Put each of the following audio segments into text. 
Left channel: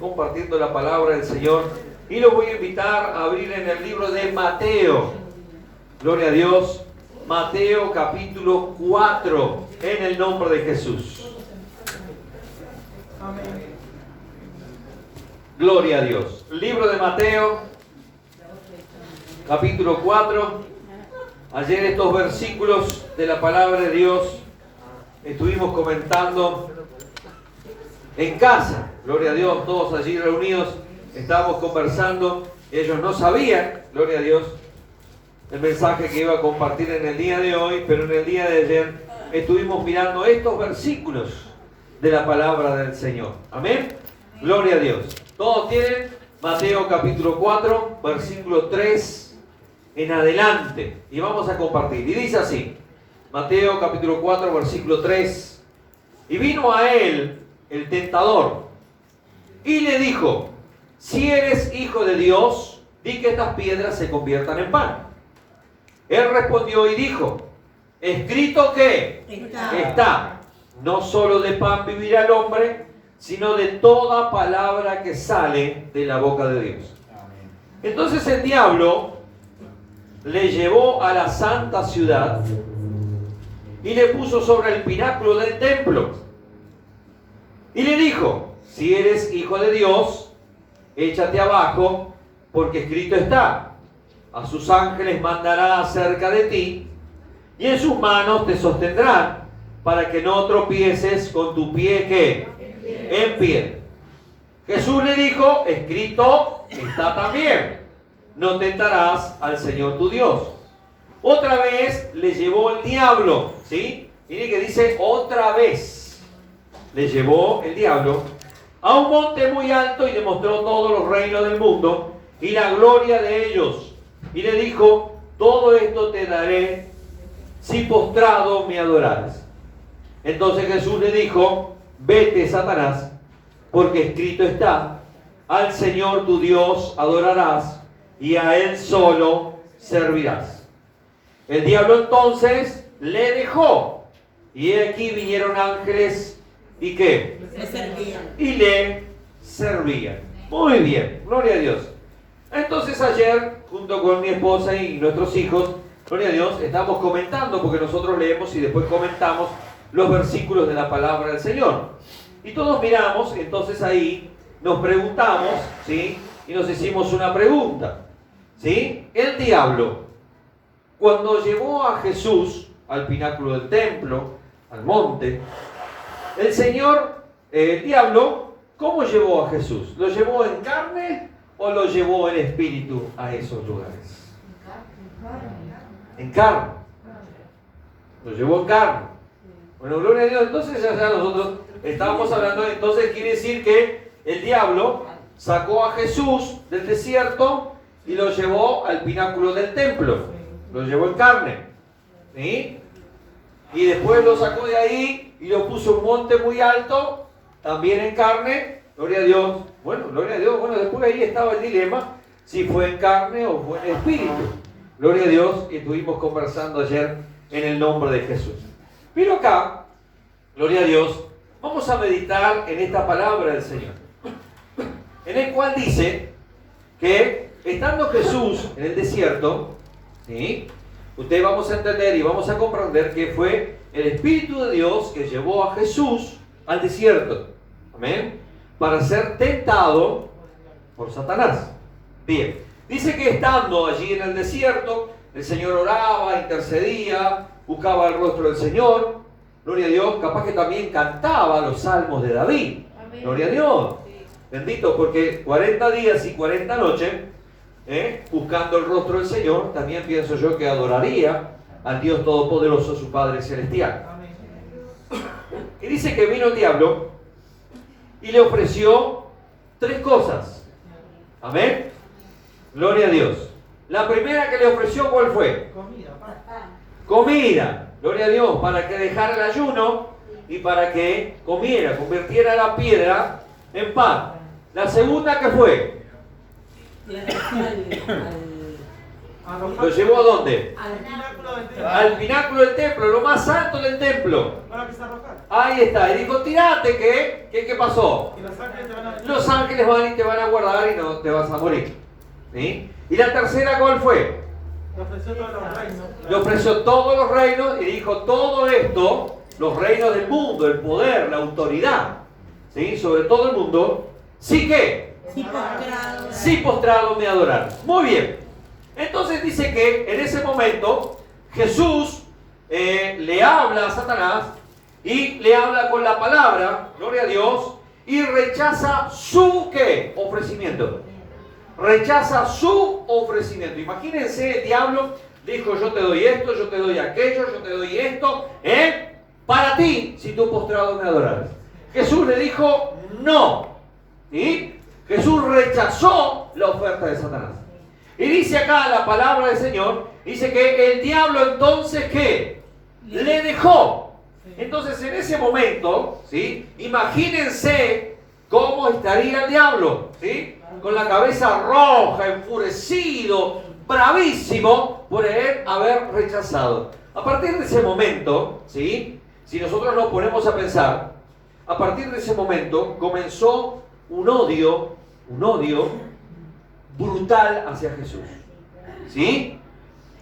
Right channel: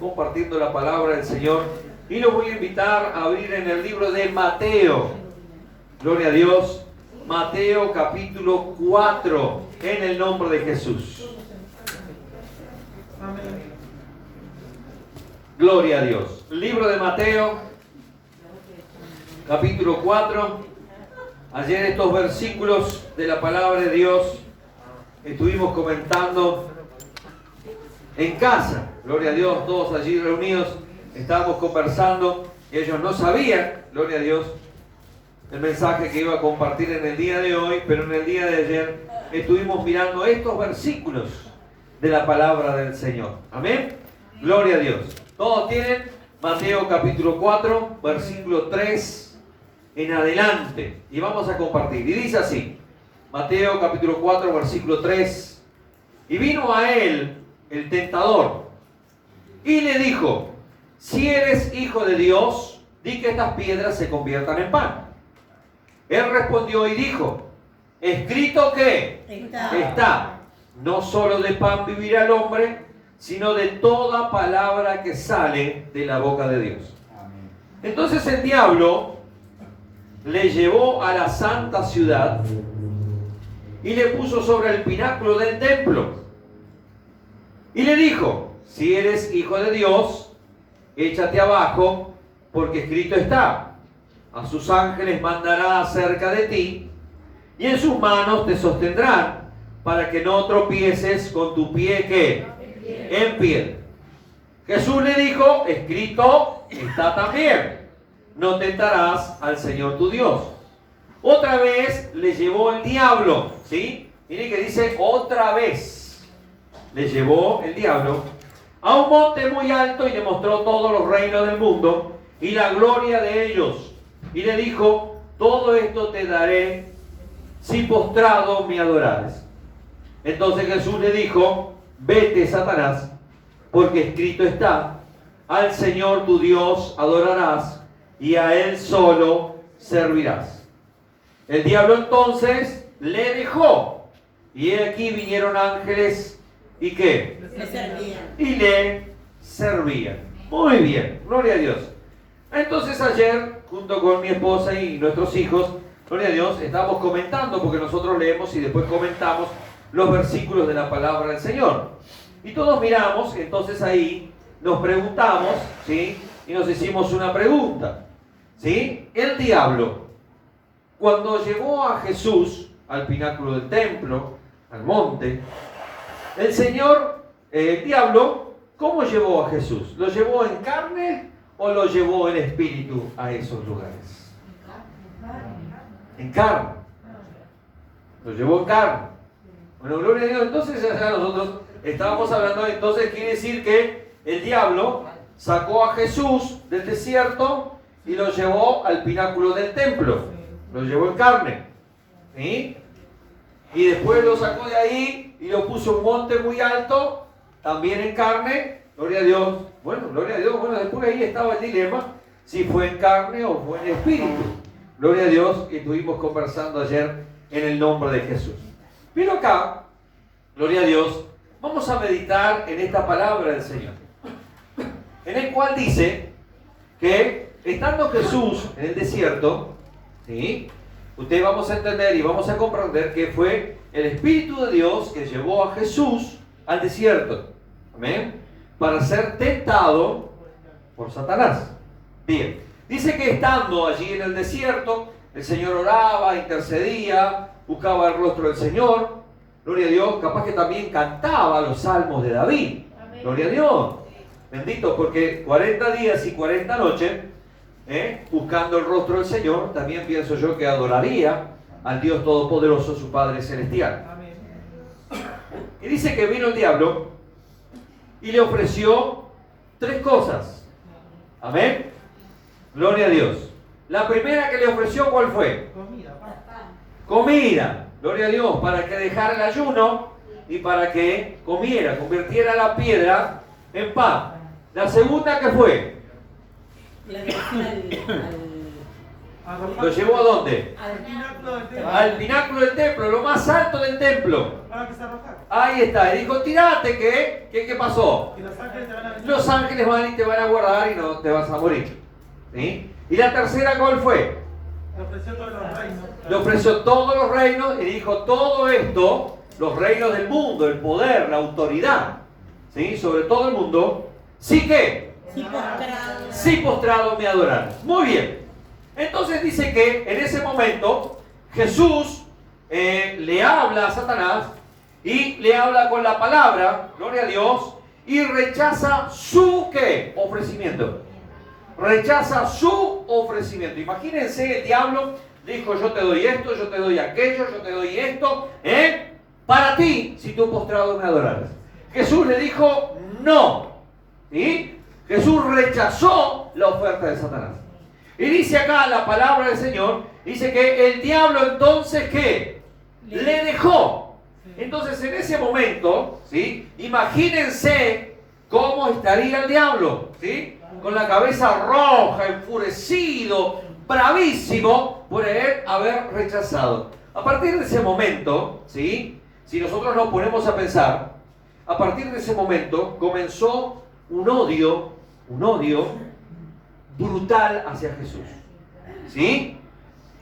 Compartiendo la palabra del Señor, y los voy a invitar a abrir en el libro de Mateo. Gloria a Dios. Mateo capítulo 4, en el nombre de Jesús. Amén. Gloria a Dios. Libro de Mateo capítulo 4. Ayer estos versículos de la palabra de Dios estuvimos comentando en casa. Gloria a Dios, todos allí reunidos, estábamos conversando. Ellos no sabían, gloria a Dios, el mensaje que iba a compartir en el día de hoy, pero en el día de ayer estuvimos mirando estos versículos de la palabra del Señor. Amén. Gloria a Dios. Todos tienen Mateo capítulo 4, versículo 3 en adelante. Y vamos a compartir. Y dice así, Mateo capítulo 4, versículo 3. Y vino a él el tentador y le dijo: si eres hijo de Dios, di que estas piedras se conviertan en pan. Él respondió y dijo: escrito que está, no solo de pan vivirá el hombre, sino de toda palabra que sale de la boca de Dios. Entonces el diablo le llevó a la santa ciudad y le puso sobre el pináculo del templo y le dijo: si eres hijo de Dios, échate abajo, porque escrito está: a sus ángeles mandará acerca de ti, y en sus manos te sostendrán, para que no tropieces con tu pie ¿qué? En piedra. Jesús le dijo: escrito está también: no tentarás al Señor tu Dios. Otra vez le llevó el diablo, ¿sí? Mire que dice otra vez. Le llevó el diablo a un monte muy alto y le mostró todos los reinos del mundo y la gloria de ellos. Y le dijo: todo esto te daré si postrado me adorares. Entonces Jesús le dijo: vete, Satanás, porque escrito está: al Señor tu Dios adorarás y a Él solo servirás. El diablo entonces le dejó, y aquí vinieron ángeles. ¿Y qué? Y le servían. Muy bien, gloria a Dios. Entonces ayer, junto con mi esposa y nuestros hijos, gloria a Dios, estamos comentando, porque nosotros leemos y después comentamos los versículos de la palabra del Señor. Y todos miramos, entonces ahí nos preguntamos, ¿sí? Y nos hicimos una pregunta, ¿sí? El diablo, cuando llevó a Jesús al pináculo del templo, al monte, el Señor, el diablo, ¿cómo llevó a Jesús? ¿Lo llevó en carne o lo llevó en espíritu a esos lugares? En carne. Lo llevó en carne. Bueno, gloria a Dios. Entonces ya nosotros estábamos hablando, entonces quiere decir que el diablo sacó a Jesús del desierto y lo llevó al pináculo del templo. Lo llevó en carne. ¿Sí? Y después lo sacó de ahí y lo puso en un monte muy alto, también en carne. Gloria a Dios. Bueno, gloria a Dios. Bueno, después ahí estaba el dilema, si fue en carne o fue en espíritu. Gloria a Dios. Y estuvimos conversando ayer en el nombre de Jesús. Pero acá, gloria a Dios, vamos a meditar en esta palabra del Señor, en el cual dice que estando Jesús en el desierto, ¿sí? Ustedes vamos a entender y vamos a comprender que fue el Espíritu de Dios que llevó a Jesús al desierto. Amén. Para ser tentado por Satanás. Bien. Dice que estando allí en el desierto, el Señor oraba, intercedía, buscaba el rostro del Señor. Gloria a Dios. Capaz que también cantaba los salmos de David. Amén. Gloria a Dios. Bendito, porque 40 días y 40 noches buscando el rostro del Señor, también pienso yo que adoraría al Dios Todopoderoso, su Padre Celestial. Y dice que vino el diablo y le ofreció tres cosas. Amén. Gloria a Dios. La primera que le ofreció, ¿cuál fue? Comida. Gloria a Dios, para que dejara el ayuno y para que comiera, convirtiera la piedra en pan. La segunda, ¿qué fue? ¿Lo llevó a dónde? Al pináculo del templo. Al pináculo del templo, lo más alto del templo. Para que se arrojar. Ahí está. Y dijo, tirate, ¿qué pasó? Y los ángeles te van a venir. Los ángeles van y te van a guardar y no te vas a morir. ¿Sí? Y la tercera, ¿cuál fue? Le ofreció todos los reinos. Le ofreció todos los reinos y dijo, todo esto, los reinos del mundo, el poder, la autoridad, ¿sí? Sobre todo el mundo, sí que, sí postrado me adoraron. Muy bien. Entonces dice que en ese momento Jesús le habla a Satanás y le habla con la palabra, gloria a Dios, y rechaza su ¿qué? Ofrecimiento. Rechaza su ofrecimiento. Imagínense, el diablo dijo, yo te doy esto, yo te doy aquello, yo te doy esto, para ti, si tú postrado me adoraras. Jesús le dijo, no. ¿Sí? Jesús rechazó la oferta de Satanás. Y dice acá la palabra del Señor, dice que el diablo entonces, ¿qué? Le dejó. Entonces en ese momento, ¿sí? Imagínense cómo estaría el diablo, ¿sí? Con la cabeza roja, enfurecido, bravísimo por él haber rechazado. A partir de ese momento, ¿sí? Si nosotros nos ponemos a pensar, a partir de ese momento comenzó un odio brutal hacia Jesús. ¿Sí?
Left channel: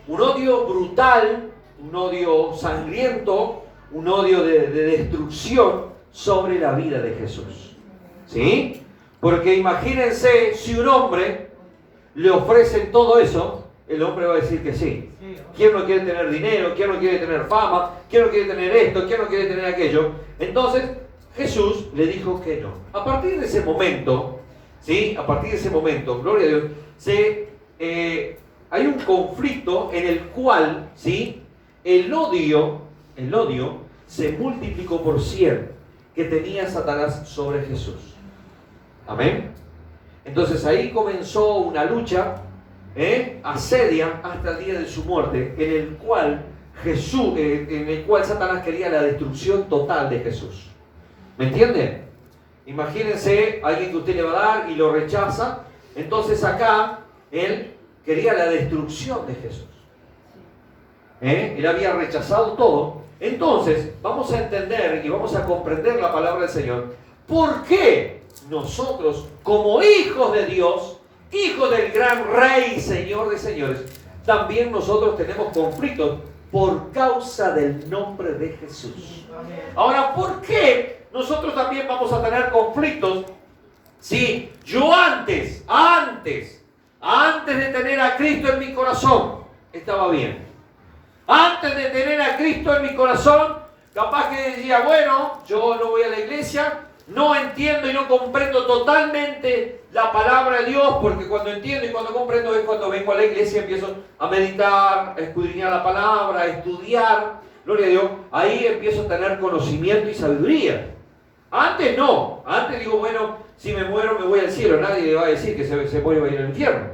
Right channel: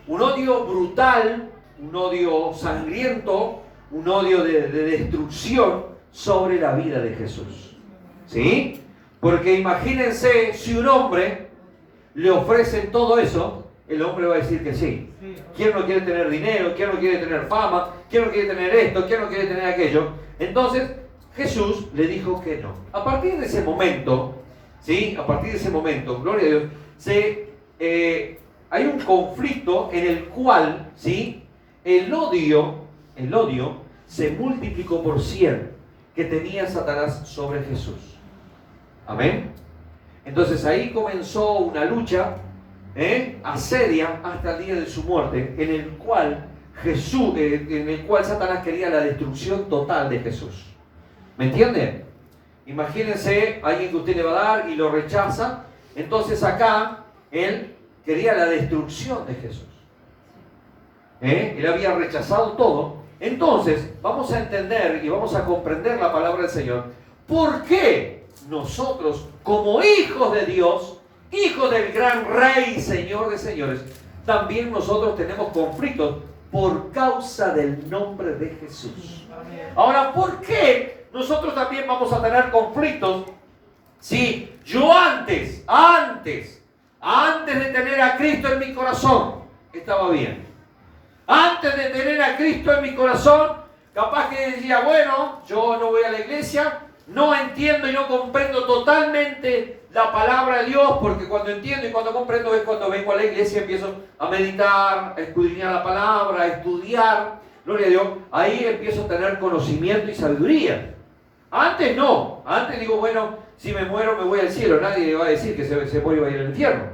Un odio brutal, un odio sangriento, un odio de destrucción sobre la vida de Jesús. ¿Sí? Porque imagínense si un hombre le ofrecen todo eso, el hombre va a decir que sí. ¿Quién no quiere tener dinero? ¿Quién no quiere tener fama? ¿Quién no quiere tener esto? ¿Quién no quiere tener aquello? Entonces Jesús le dijo que no. A partir de ese momento, ¿sí? A partir de ese momento, gloria a Dios, hay un conflicto en el cual, ¿sí? El odio se multiplicó por 100 que tenía Satanás sobre Jesús. Amén. Entonces ahí comenzó una lucha, asedia hasta el día de su muerte, en el cual Satanás quería la destrucción total de Jesús. ¿Me entienden? Imagínense a alguien que usted le va a dar y lo rechaza. Entonces acá él quería la destrucción de Jesús. Él había rechazado todo. Entonces vamos a entender y vamos a comprender la palabra del Señor. ¿Por qué nosotros, como hijos de Dios, hijos del gran Rey y Señor de señores, también nosotros tenemos conflictos por causa del nombre de Jesús? Ahora, ¿por qué nosotros también vamos a tener conflictos si yo antes de tener a Cristo en mi corazón estaba bien? Antes de tener a Cristo en mi corazón, capaz que decía, bueno, yo no voy a la iglesia, no entiendo y no comprendo totalmente la palabra de Dios, porque cuando entiendo y cuando comprendo es cuando vengo a la iglesia y empiezo a meditar, a escudriñar la palabra, a estudiar, gloria a Dios, ahí empiezo a tener conocimiento y sabiduría. Antes no, antes digo, bueno, si me muero me voy al cielo, nadie le va a decir que se muere y va a ir al infierno.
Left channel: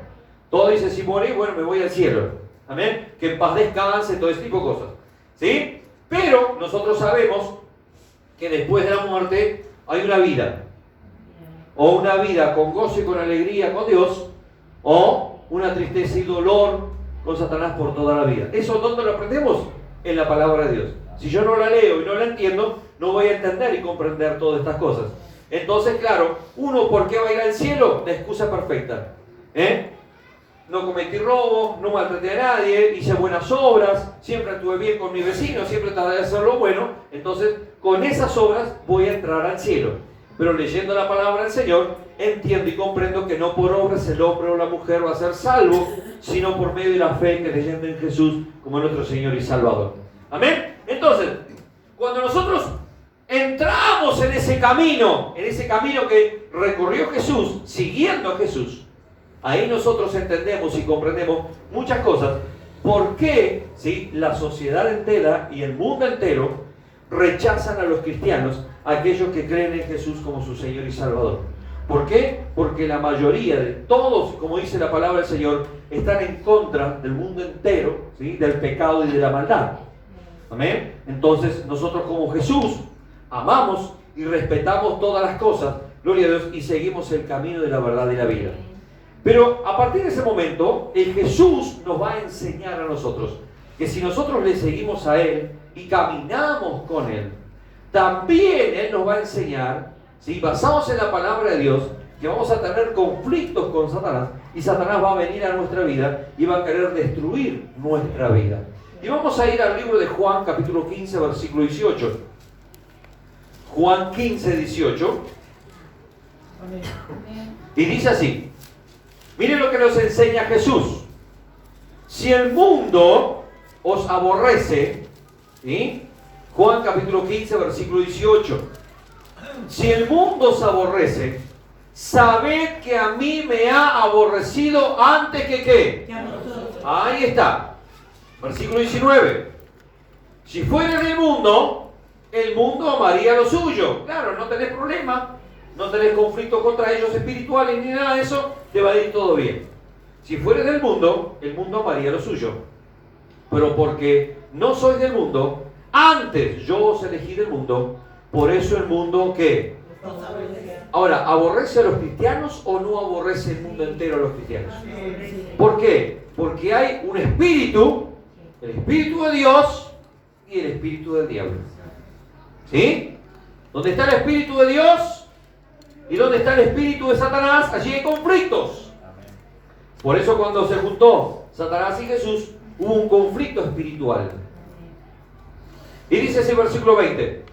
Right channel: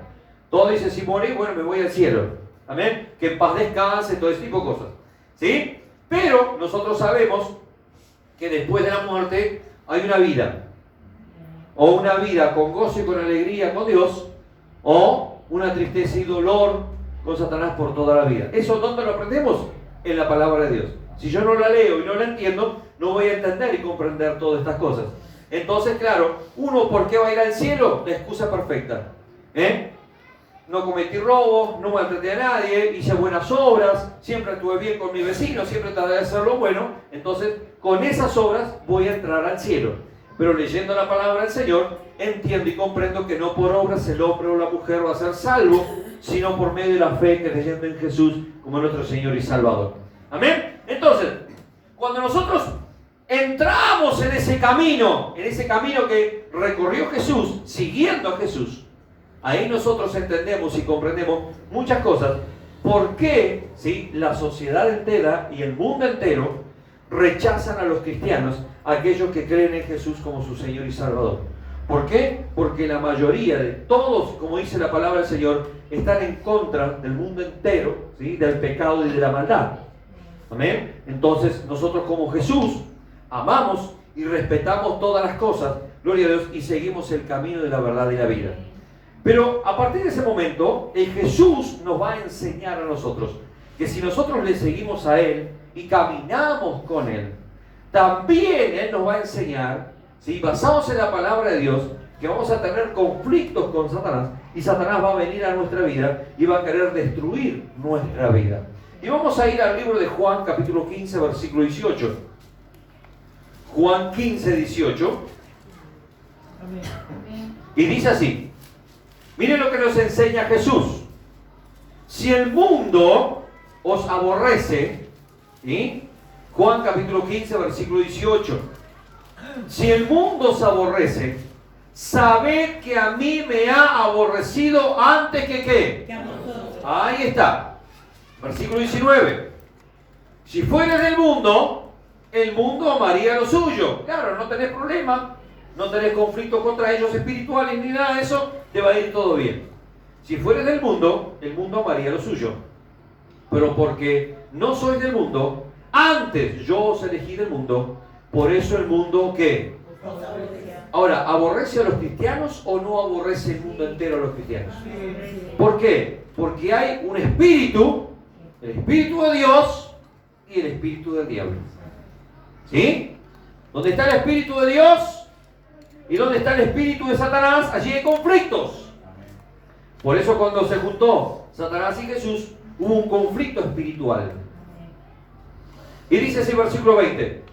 Todo dice, si morí, bueno, me voy al cielo. Amén, que en paz descanse, todo ese tipo de cosas. ¿Sí? Pero nosotros sabemos que después de la muerte hay una vida. O una vida con gozo y con alegría con Dios, o una tristeza y dolor con Satanás por toda la vida. ¿Eso dónde lo aprendemos? En la palabra de Dios. Si yo no la leo y no la entiendo, no voy a entender y comprender todas estas cosas. Entonces, claro, uno, ¿por qué va a ir al cielo? La excusa perfecta. No cometí robo, no maltraté a nadie, hice buenas obras, siempre estuve bien con mi vecino, siempre traté de hacer lo bueno. Entonces, con esas obras voy a entrar al cielo. Pero leyendo la palabra del Señor, entiendo y comprendo que no por obras el hombre o la mujer va a ser salvo, sino por medio de la fe, creyendo en Jesús como nuestro Señor y Salvador. Amén. Entonces, cuando nosotros entramos en ese camino que recorrió Jesús, siguiendo a Jesús, ahí nosotros entendemos y comprendemos muchas cosas. ¿Por qué, sí, la sociedad entera y el mundo entero rechazan a los cristianos, aquellos que creen en Jesús como su Señor y Salvador? ¿Por qué? Porque la mayoría de todos, como dice la palabra del Señor, están en contra del mundo entero, ¿sí? Del pecado y de la maldad. Amén. Entonces nosotros como Jesús amamos y respetamos todas las cosas, gloria a Dios, y seguimos el camino de la verdad y la vida. Pero a partir de ese momento, el Jesús nos va a enseñar a nosotros que si nosotros le seguimos a Él y caminamos con Él, también Él nos va a enseñar, si basamos en la palabra de Dios, que vamos a tener conflictos con Satanás y Satanás va a venir a nuestra vida y va a querer destruir nuestra vida. Y vamos a ir al libro de Juan, capítulo 15, versículo 18. Juan 15, 18. Y dice así. Miren lo que nos enseña Jesús. Si el mundo os aborrece, ¿sí? Juan capítulo 15, versículo 18. Si el mundo os aborrece, sabed que a mí me ha aborrecido antes que ¿qué? Ahí está. Versículo 19. Si fueres del mundo, el mundo amaría lo suyo. Claro, no tenés problema, no tenés conflicto contra ellos espirituales ni nada de eso, te va a ir todo bien. Si fueres del mundo, el mundo amaría lo suyo. Pero porque no sois del mundo, antes yo os elegí del mundo, por eso el mundo ¿qué? Ahora, ¿aborrece a los cristianos o no aborrece el mundo entero a los cristianos? ¿Por qué? Porque hay un espíritu, el espíritu de Dios y el espíritu del diablo. ¿Sí? ¿Dónde está el espíritu de Dios y dónde está el espíritu de Satanás? Allí hay conflictos. Por eso cuando se juntó Satanás y Jesús, hubo un conflicto espiritual. Y dice así el versículo 20.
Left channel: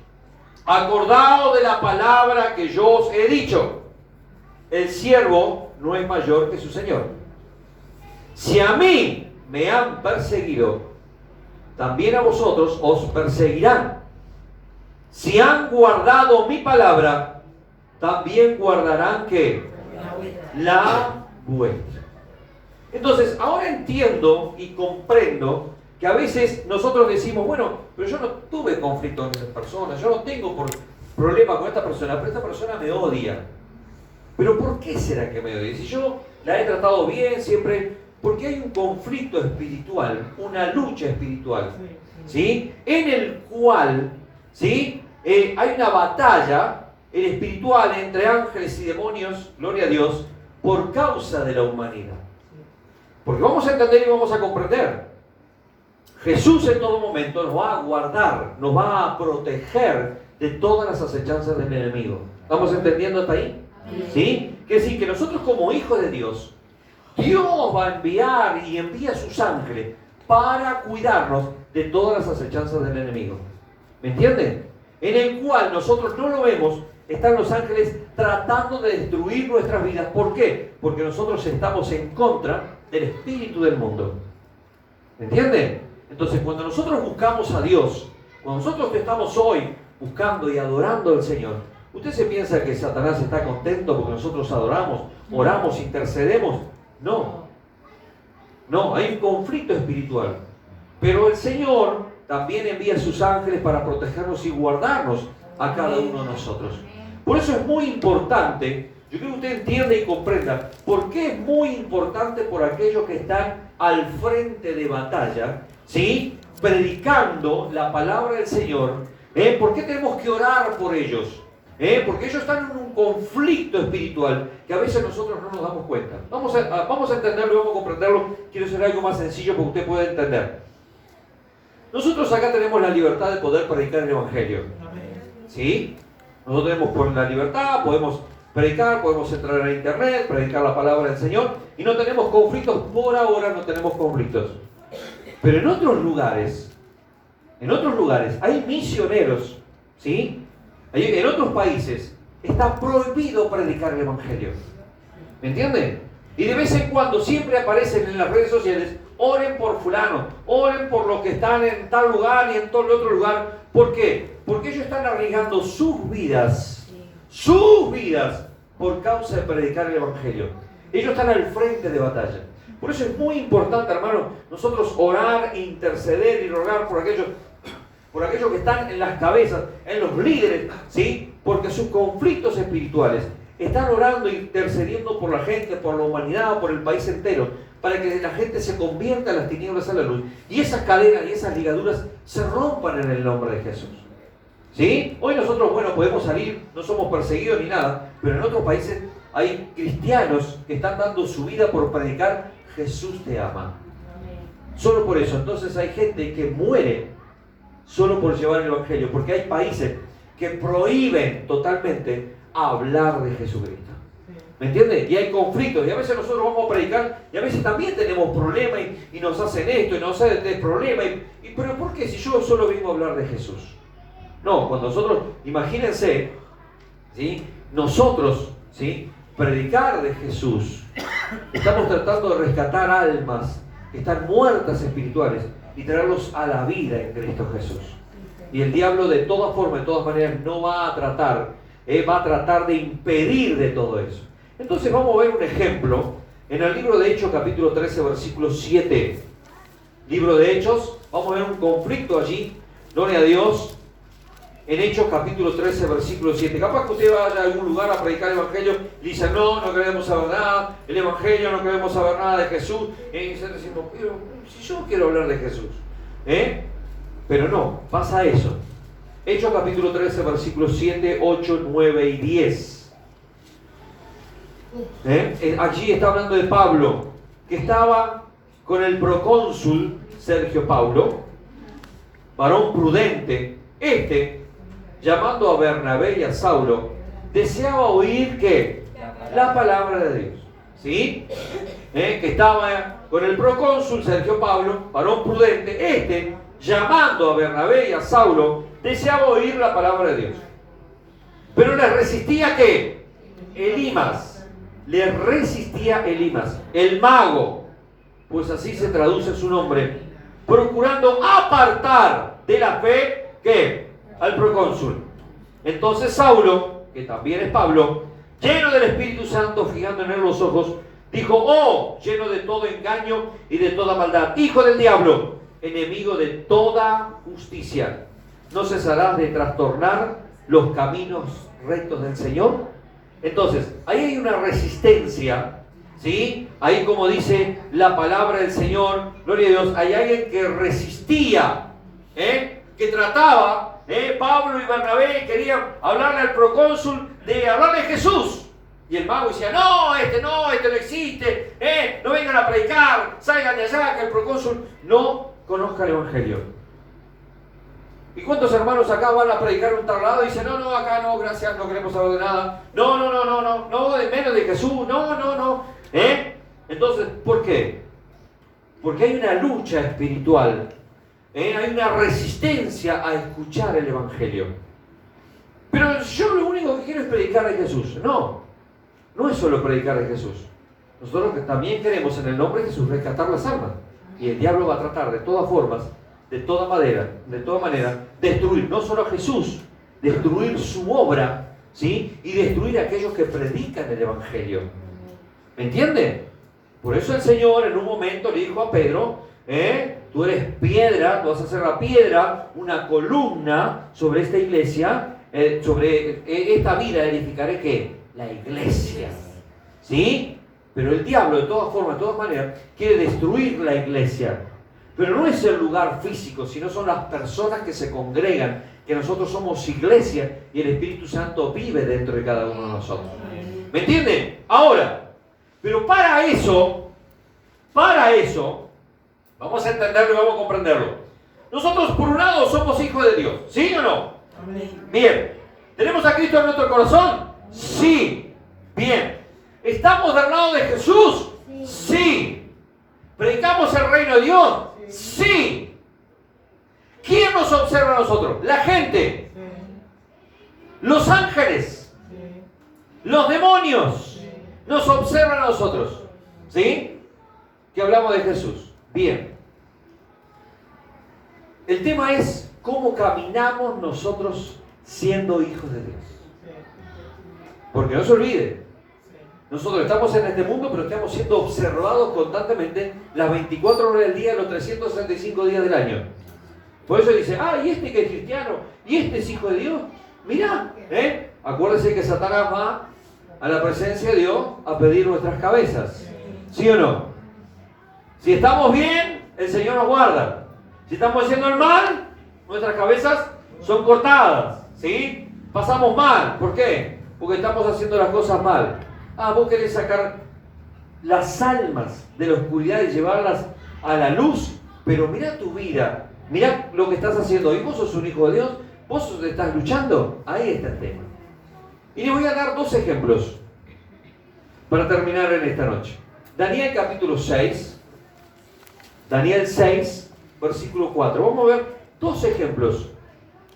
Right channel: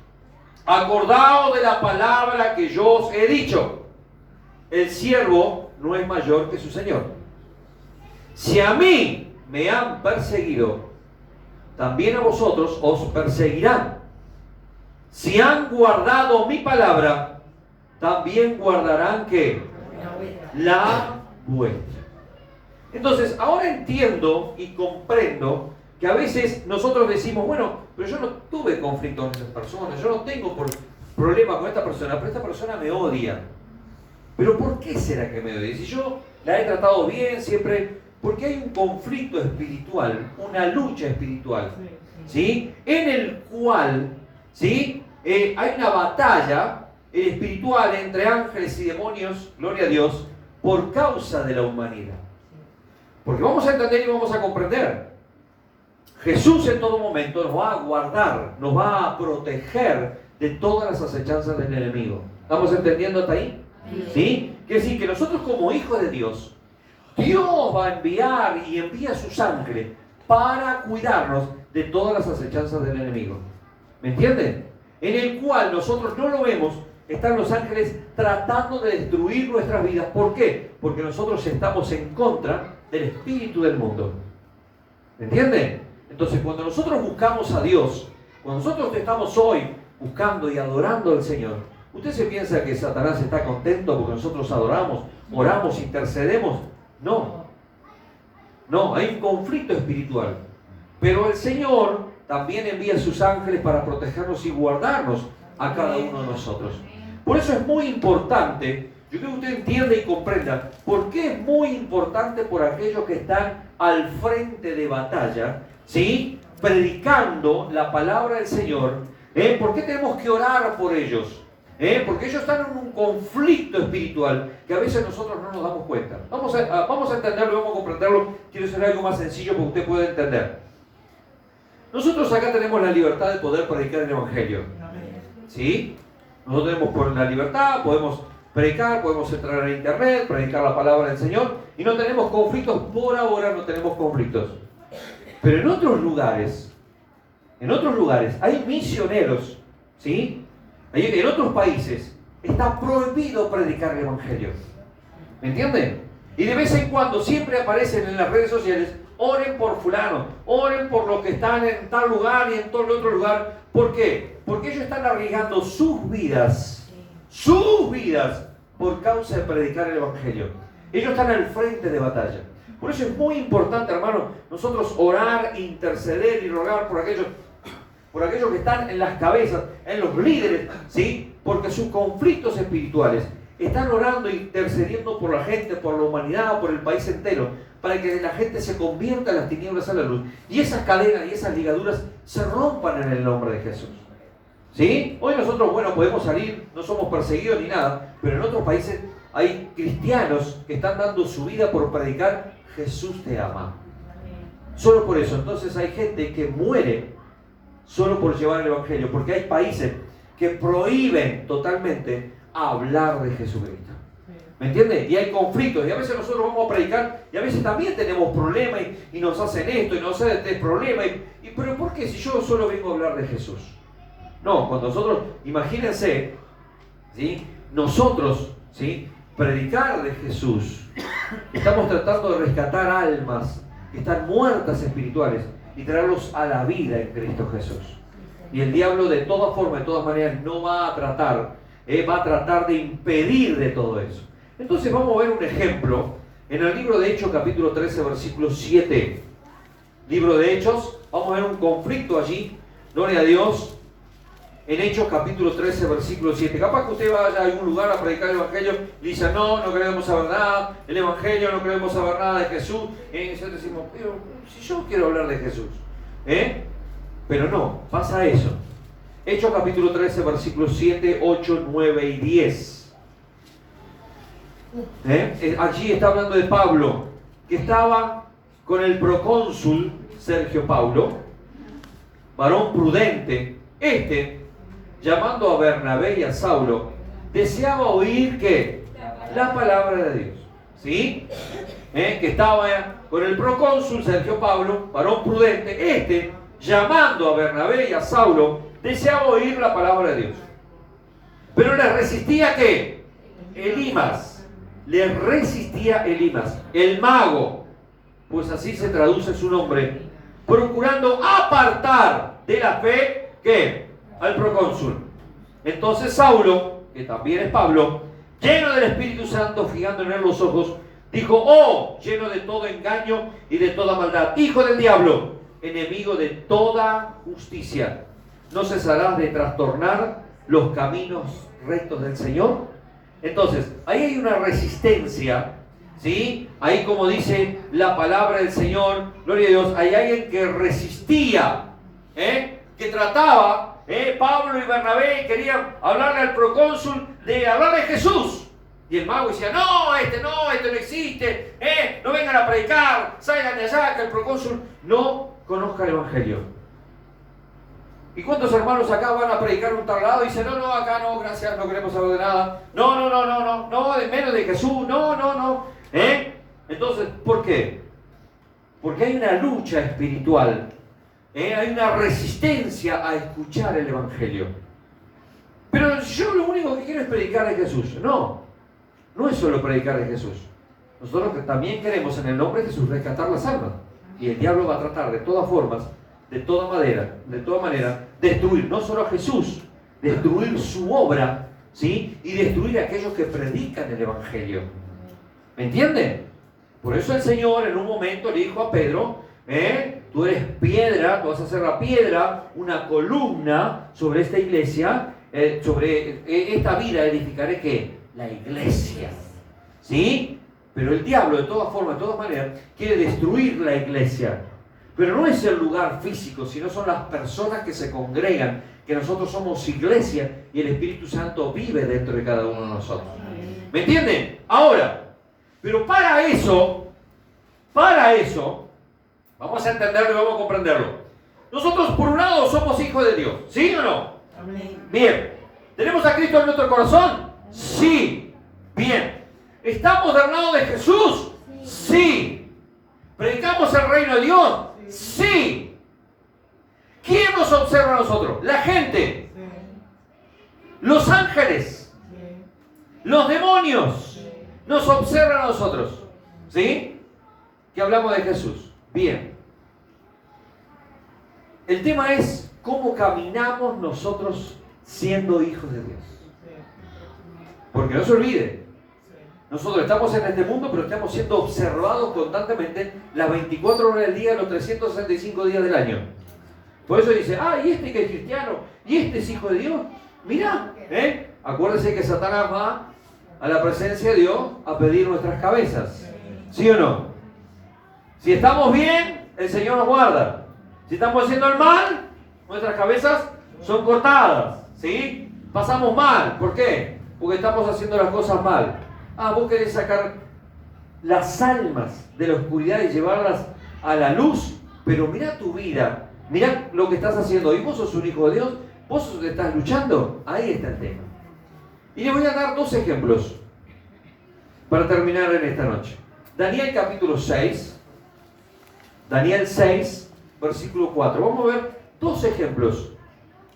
Acordaos de la palabra que yo os he dicho. El siervo no es mayor que su señor. Si a mí me han perseguido, también a vosotros os perseguirán. Si han guardado mi palabra, también guardarán ¿qué? La vuestra. Entonces, ahora entiendo y comprendo que a veces nosotros decimos, bueno, pero yo no tuve conflicto con estas personas, yo no tengo problema con esta persona, pero esta persona me odia. ¿Pero por qué será que me odia? Si yo la he tratado bien siempre, porque hay un conflicto espiritual, una lucha espiritual, ¿sí? En el cual, ¿sí? Hay una batalla espiritual entre ángeles y demonios, gloria a Dios, por causa de la humanidad. Porque vamos a entender y vamos a comprender. Jesús en todo momento nos va a guardar, nos va a proteger de todas las acechanzas del enemigo. ¿Estamos entendiendo hasta ahí? ¿Sí? Quiere decir que nosotros como hijos de Dios, Dios va a enviar y envía su sangre para cuidarnos de todas las acechanzas del enemigo. ¿Me entienden? En el cual nosotros no lo vemos, están los ángeles tratando de destruir nuestras vidas. ¿Por qué? Porque nosotros estamos en contra del espíritu del mundo. ¿Me entienden? Entonces, cuando nosotros buscamos a Dios, cuando nosotros estamos hoy buscando y adorando al Señor, ¿usted se piensa que Satanás está contento porque nosotros adoramos, oramos, intercedemos? No. No, hay un conflicto espiritual. Pero el Señor también envía a sus ángeles para protegernos y guardarnos a cada uno de nosotros. Por eso es muy importante, yo quiero que usted entienda y comprenda, por qué es muy importante por aquellos que están al frente de batalla, ¿sí? Predicando la palabra del Señor. ¿Por qué tenemos que orar por ellos? Porque ellos están en un conflicto espiritual que a veces nosotros no nos damos cuenta. Vamos a entenderlo, vamos a comprenderlo. Quiero hacer algo más sencillo para que usted pueda entender. Nosotros acá tenemos la libertad de poder predicar el Evangelio. ¿Sí? Nosotros tenemos la libertad, podemos predicar, podemos entrar a internet, predicar la palabra del Señor y no tenemos conflictos. Por ahora no tenemos conflictos. Pero en otros lugares hay misioneros, ¿sí? En otros países está prohibido predicar el Evangelio. ¿Me entienden? Y de vez en cuando siempre aparecen en las redes sociales, oren por fulano, oren por los que están en tal lugar y en todo el otro lugar. ¿Por qué? Porque ellos están arriesgando sus vidas por causa de predicar el Evangelio. Ellos están al frente de batalla. Por eso es muy importante, hermano, nosotros orar, interceder y rogar por aquellos que están en las cabezas, en los líderes, ¿sí? Porque sus conflictos espirituales están orando e intercediendo por la gente, por la humanidad, por el país entero, para que la gente se convierta en las tinieblas a la luz. Y esas cadenas y esas ligaduras se rompan en el nombre de Jesús. ¿Sí? Hoy nosotros, bueno, podemos salir, no somos perseguidos ni nada, pero en otros países hay cristianos que están dando su vida por predicar Jesús te ama. Solo por eso. Entonces hay gente que muere solo por llevar el Evangelio, porque hay países que prohíben totalmente hablar de Jesucristo. ¿Me entiendes? Y hay conflictos, y a veces nosotros vamos a predicar, y a veces también tenemos problemas, y nos hacen esto, y nos hacen este problema, pero ¿por qué si yo solo vengo a hablar de Jesús? No, cuando nosotros, imagínense, ¿sí? Nosotros, ¿sí? Predicar de Jesús, estamos tratando de rescatar almas que están muertas espirituales y traerlos a la vida en Cristo Jesús. Y el diablo de todas formas, de todas maneras, no va a tratar de impedir de todo eso. Entonces vamos a ver un ejemplo en el libro de Hechos capítulo 13 versículo 7. Libro de Hechos, vamos a ver un conflicto allí, gloria a Dios, en Hechos capítulo 13 versículo 7. Capaz que usted vaya a algún lugar a predicar el Evangelio y dice, no queremos saber nada, el Evangelio, no queremos saber nada de Jesús. Y nosotros decimos, pero si yo quiero hablar de Jesús, pero no, pasa eso. Hechos capítulo 13 versículos 7, 8, 9 y 10. Allí está hablando de Pablo, que estaba con el procónsul Sergio Paulo, varón prudente. Llamando a Bernabé y a Saulo, deseaba oír ¿qué? La palabra de Dios. ¿Sí? Que estaba con el procónsul Sergio Paulo, varón prudente. Llamando a Bernabé y a Saulo, deseaba oír la palabra de Dios. Pero le resistía ¿qué? Elimas. Le resistía Elimas, el mago, pues así se traduce su nombre, procurando apartar de la fe ¿qué? Al procónsul. Entonces Saulo, que también es Pablo, lleno del Espíritu Santo, fijando en él los ojos, dijo, oh, lleno de todo engaño y de toda maldad, hijo del diablo, enemigo de toda justicia, ¿no cesarás de trastornar los caminos rectos del Señor? Entonces, ahí hay una resistencia, ¿sí? Ahí, como dice la palabra del Señor, gloria a Dios, hay alguien que resistía, que trataba, Pablo y Bernabé querían hablarle al procónsul de hablar de Jesús. Y el mago decía, no, este no existe, no vengan a predicar, salgan de allá, que el procónsul no conozca el Evangelio. ¿Y cuántos hermanos acá van a predicar un tal lado y dicen, no, acá no, gracias, no queremos saber de nada, no, de menos de Jesús, no, Entonces, ¿por qué? Porque hay una lucha espiritual, hay una resistencia a escuchar el Evangelio. Pero yo lo único que quiero es predicar de Jesús. No es solo predicar de Jesús. Nosotros también queremos en el nombre de Jesús rescatar las almas. Y el diablo va a tratar de todas formas, de toda manera, destruir no solo a Jesús, destruir su obra, ¿sí? Y destruir a aquellos que predican el Evangelio. ¿Me entienden? Por eso el Señor en un momento le dijo a Pedro, tú eres piedra, tú vas a hacer la piedra, una columna sobre esta iglesia, sobre esta vida edificaré ¿qué? La iglesia. ¿Sí? Pero el diablo de todas formas, de todas maneras, quiere destruir la iglesia. Pero no es el lugar físico, sino son las personas que se congregan, que nosotros somos iglesia y el Espíritu Santo vive dentro de cada uno de nosotros. ¿Me entienden? Ahora, pero para eso, vamos a entenderlo y vamos a comprenderlo. Nosotros por un lado somos hijos de Dios, ¿sí o no? Bien. ¿Tenemos a Cristo en nuestro corazón? Sí. Bien. ¿Estamos del lado de Jesús? Sí. ¿Predicamos el reino de Dios? Sí. ¿Quién nos observa a nosotros? La gente. Los ángeles. Los demonios. Nos observan a nosotros. ¿Sí? Que hablamos de Jesús. Bien. El tema es cómo caminamos nosotros siendo hijos de Dios. Porque no se olvide, nosotros estamos en este mundo, pero estamos siendo observados constantemente las 24 horas del día, los 365 días del año. Por eso dice, y este que es cristiano, y este es hijo de Dios. Mirá, acuérdense que Satanás va a la presencia de Dios a pedir nuestras cabezas. ¿Sí o no? Si estamos bien, el Señor nos guarda. Si estamos haciendo el mal, nuestras cabezas son cortadas. ¿Sí? Pasamos mal. ¿Por qué? Porque estamos haciendo las cosas mal. vos querés sacar las almas de la oscuridad y llevarlas a la luz, pero mira tu vida, mira lo que estás haciendo hoy. Vos sos un hijo de Dios, vos estás luchando. Ahí está el tema. Y les voy a dar 2 ejemplos para terminar en esta noche. Daniel capítulo 6, Daniel 6, versículo 4. Vamos a ver 2 ejemplos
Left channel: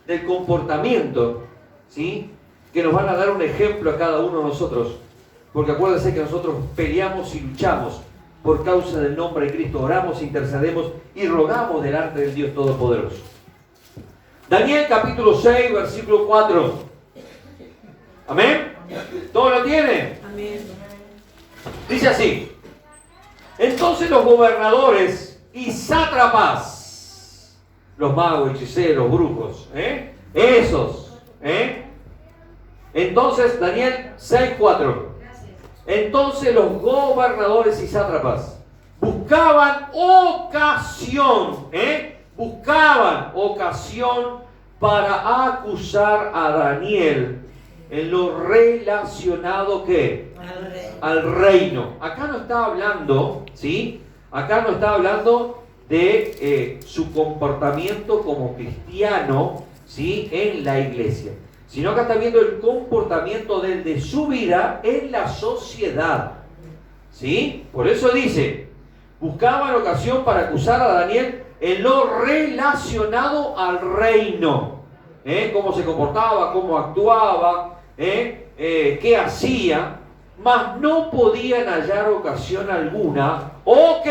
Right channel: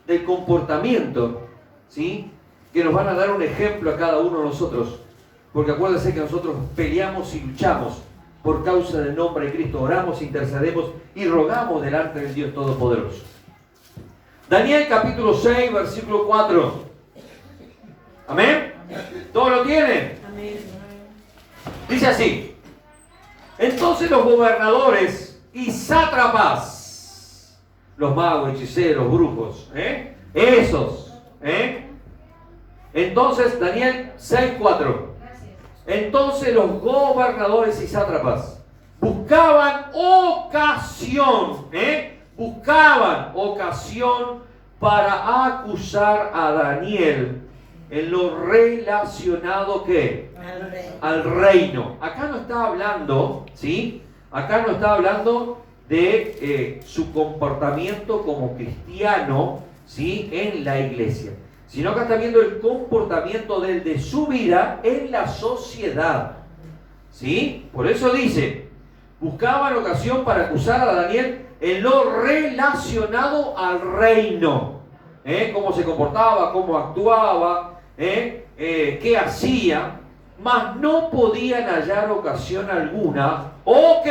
del comportamiento, ¿sí?, que nos van a dar un ejemplo a cada uno de nosotros. Porque acuérdense que nosotros peleamos y luchamos por causa del nombre de Cristo. Oramos, intercedemos y rogamos delante del Dios Todopoderoso. Daniel capítulo 6, versículo 4. ¿Amén? ¿Todo lo tienen? Amén. Dice así: entonces los gobernadores y sátrapas, los magos, hechiceros, brujos, esos, entonces, Daniel 6:4. Entonces los gobernadores y sátrapas buscaban ocasión para acusar a Daniel en lo relacionado ¿qué? Al reino. Acá no está hablando, ¿sí? Acá no está hablando de su comportamiento como cristiano, ¿sí?, en la iglesia, sino que está viendo el comportamiento de su vida en la sociedad, ¿sí? Por eso dice, buscaban ocasión para acusar a Daniel en lo relacionado al reino, cómo se comportaba, cómo actuaba, qué hacía, mas no podían hallar ocasión alguna, o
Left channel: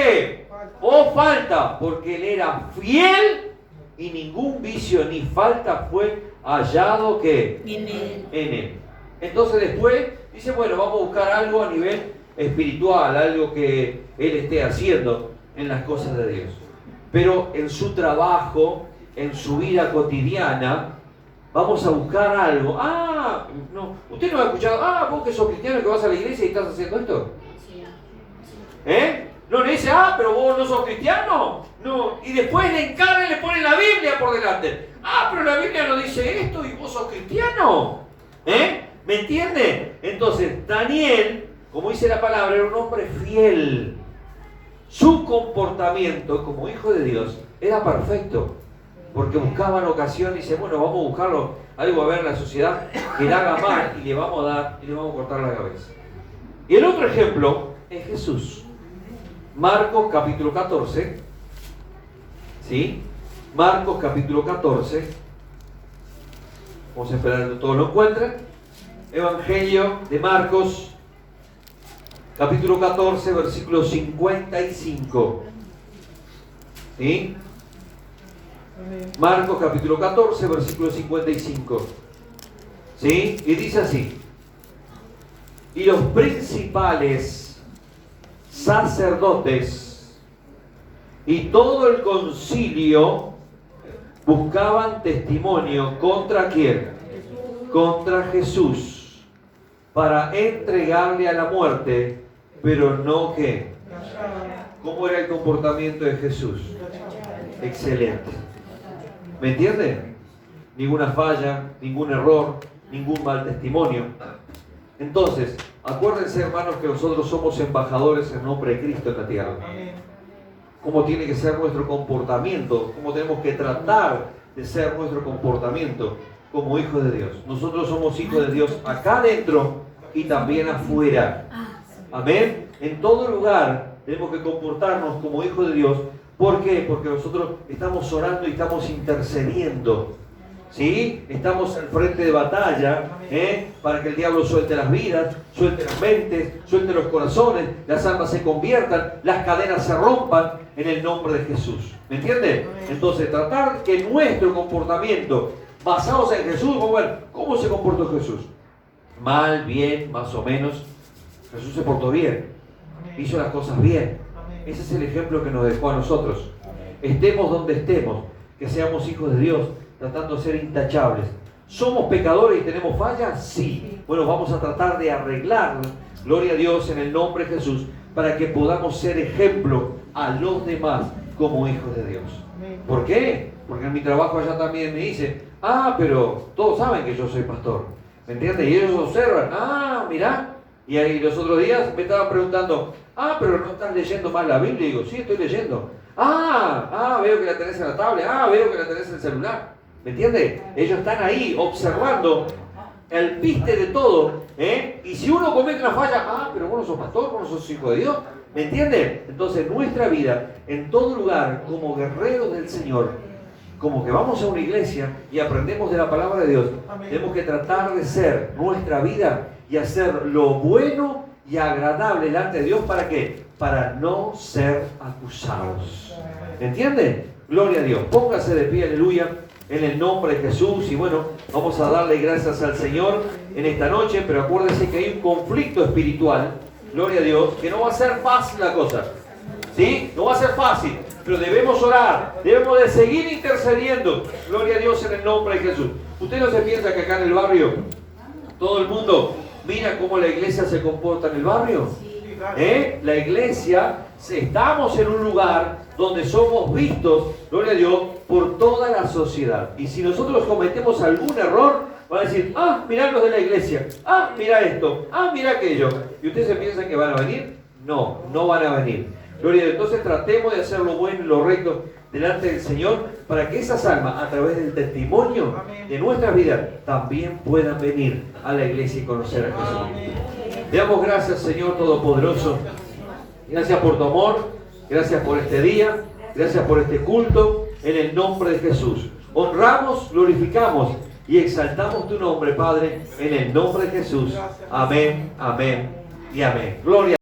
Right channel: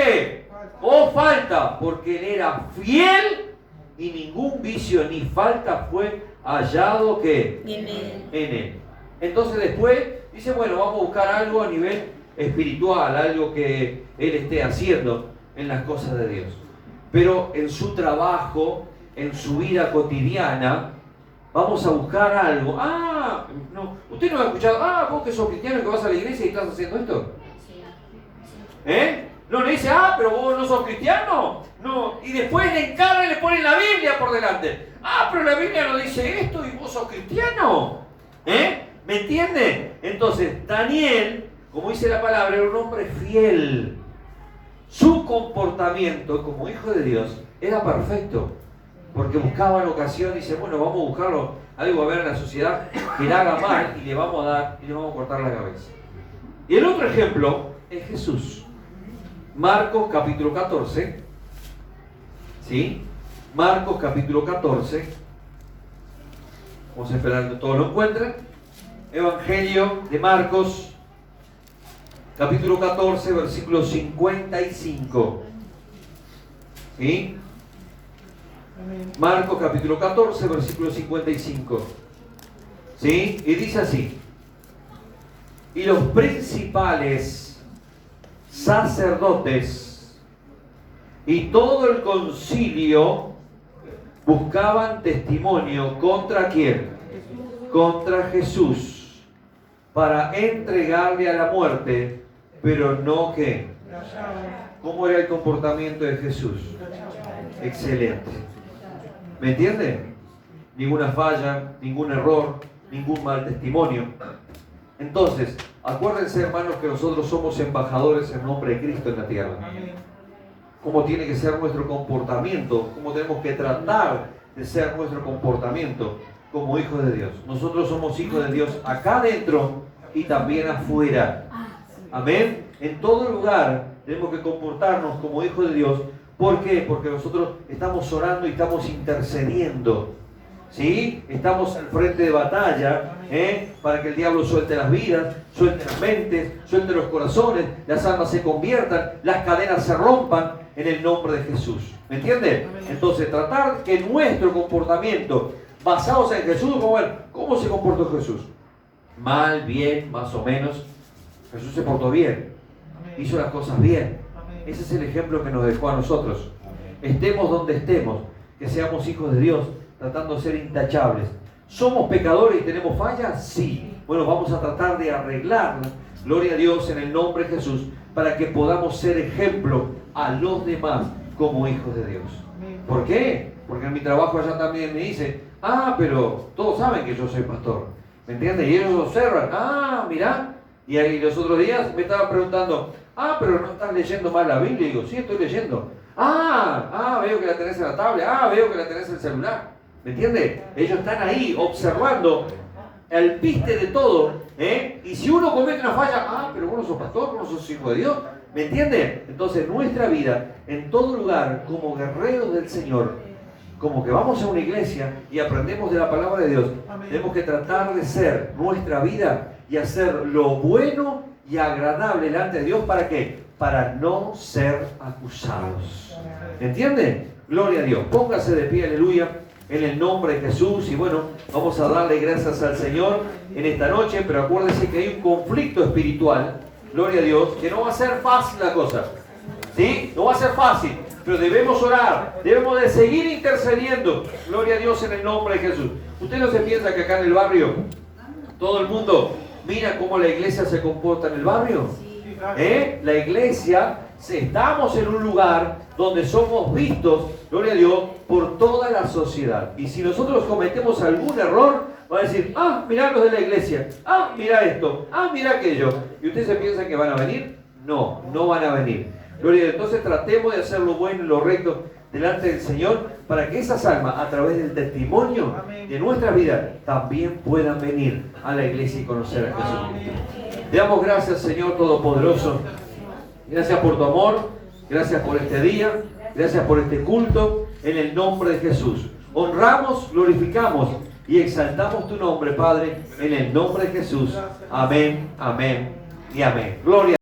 falta, porque él era fiel y ningún vicio ni falta fue hallado en él. Entonces después dice, bueno, vamos a buscar algo a nivel espiritual, algo que él esté haciendo en las cosas de Dios. Pero en su trabajo, en su vida cotidiana, vamos a buscar algo. No, usted no ha escuchado, vos que sos cristiano, que vas a la iglesia y estás haciendo esto. No le dice, pero vos no sos cristiano. No, y después le encargan y le ponen la Biblia por delante. Pero la Biblia no dice esto y vos sos cristiano. ¿Me entienden? Entonces, Daniel, como dice la palabra, era un hombre fiel. Su comportamiento como hijo de Dios era perfecto, porque buscaban ocasión. Dice, bueno, vamos a buscarlo, algo a ver en la sociedad que le haga mal y le vamos a dar y le vamos a cortar la cabeza. Y el otro ejemplo es Jesús. Marcos capítulo 14, ¿sí? Marcos capítulo 14. Vamos a esperar que todos lo encuentren. Evangelio de Marcos capítulo 14, versículo 55. ¿Sí? Marcos capítulo 14, versículo 55. ¿Sí? Y dice así: y los principales sacerdotes y todo el concilio buscaban testimonio ¿contra quién? Contra Jesús, para entregarle a la muerte, pero no ¿qué? ¿Cómo era el comportamiento de Jesús? Excelente. ¿Me entienden? Ninguna falla, ningún error, ningún mal testimonio. Entonces, acuérdense, hermanos, que nosotros somos embajadores en nombre de Cristo en la tierra. Cómo tiene que ser nuestro comportamiento, cómo tenemos que tratar de ser nuestro comportamiento como hijos de Dios. Nosotros somos hijos de Dios acá adentro y también afuera. Amén. En todo lugar tenemos que comportarnos como hijos de Dios. ¿Por qué? Porque nosotros estamos orando y estamos intercediendo. ¿Sí? Estamos al frente de batalla, para que el diablo suelte las vidas, suelte las mentes, suelte los corazones, las almas se conviertan, las cadenas se rompan en el nombre de Jesús. ¿Me entienden? Entonces, tratar que nuestro comportamiento, basados en Jesús, ¿cómo se comportó Jesús? Mal, bien, más o menos. Jesús se portó bien, hizo las cosas bien. Ese es el ejemplo que nos dejó a nosotros. Estemos donde estemos, que seamos hijos de Dios, tratando de ser intachables. ¿Somos pecadores y tenemos fallas? Sí. Bueno, vamos a tratar de arreglarnos, gloria a Dios, en el nombre de Jesús, para que podamos ser ejemplo a los demás como hijos de Dios. ¿Por qué? Porque en mi trabajo allá también me dicen, pero todos saben que yo soy pastor. ¿Me entiendes? Y ellos observan, mirá, Y ahí los otros días me estaban preguntando, pero no estás leyendo más la Biblia. Y digo, sí, estoy leyendo. Veo que la tenés en la tablet. Veo que la tenés en el celular. ¿Me entiendes? Ellos están ahí observando el piste de todo. Y si uno comete una falla, pero vos no sos pastor, vos no sos hijo de Dios. ¿Me entienden? Entonces nuestra vida, en todo lugar, como guerreros del Señor, como que vamos a una iglesia y aprendemos de la palabra de Dios, tenemos que tratar de ser nuestra vida y hacer lo bueno y agradable delante de Dios. ¿Para qué? Para no ser acusados. ¿Entienden? Gloria a Dios. Póngase de pie, aleluya, en el nombre de Jesús. Y bueno, vamos a darle gracias al Señor en esta noche, pero acuérdense que hay un conflicto espiritual, gloria a Dios, que no va a ser fácil la cosa. ¿Sí? No va a ser fácil, pero debemos orar, debemos de seguir intercediendo, gloria a Dios, en el nombre de Jesús. ¿Usted no se piensa que acá en el barrio todo el mundo mira cómo la iglesia se comporta en el barrio? La iglesia, estamos en un lugar donde somos vistos, gloria a Dios, por toda la sociedad. Y si nosotros cometemos algún error, va a decir, mirá los de la iglesia, mirá esto, mirá aquello. ¿Y ustedes se piensan que van a venir? No, no van a venir. Gloria a Dios. Entonces tratemos de hacer lo bueno y lo recto delante del Señor, para que esas almas, a través del testimonio de nuestra vida, también puedan venir a la iglesia y conocer a Jesús. Te damos gracias, Señor Todopoderoso. Gracias por tu amor, gracias por este día, gracias por este culto, en el nombre de Jesús. Honramos, glorificamos y exaltamos tu nombre, Padre, en el nombre de Jesús. Amén, amén y amén. Gloria.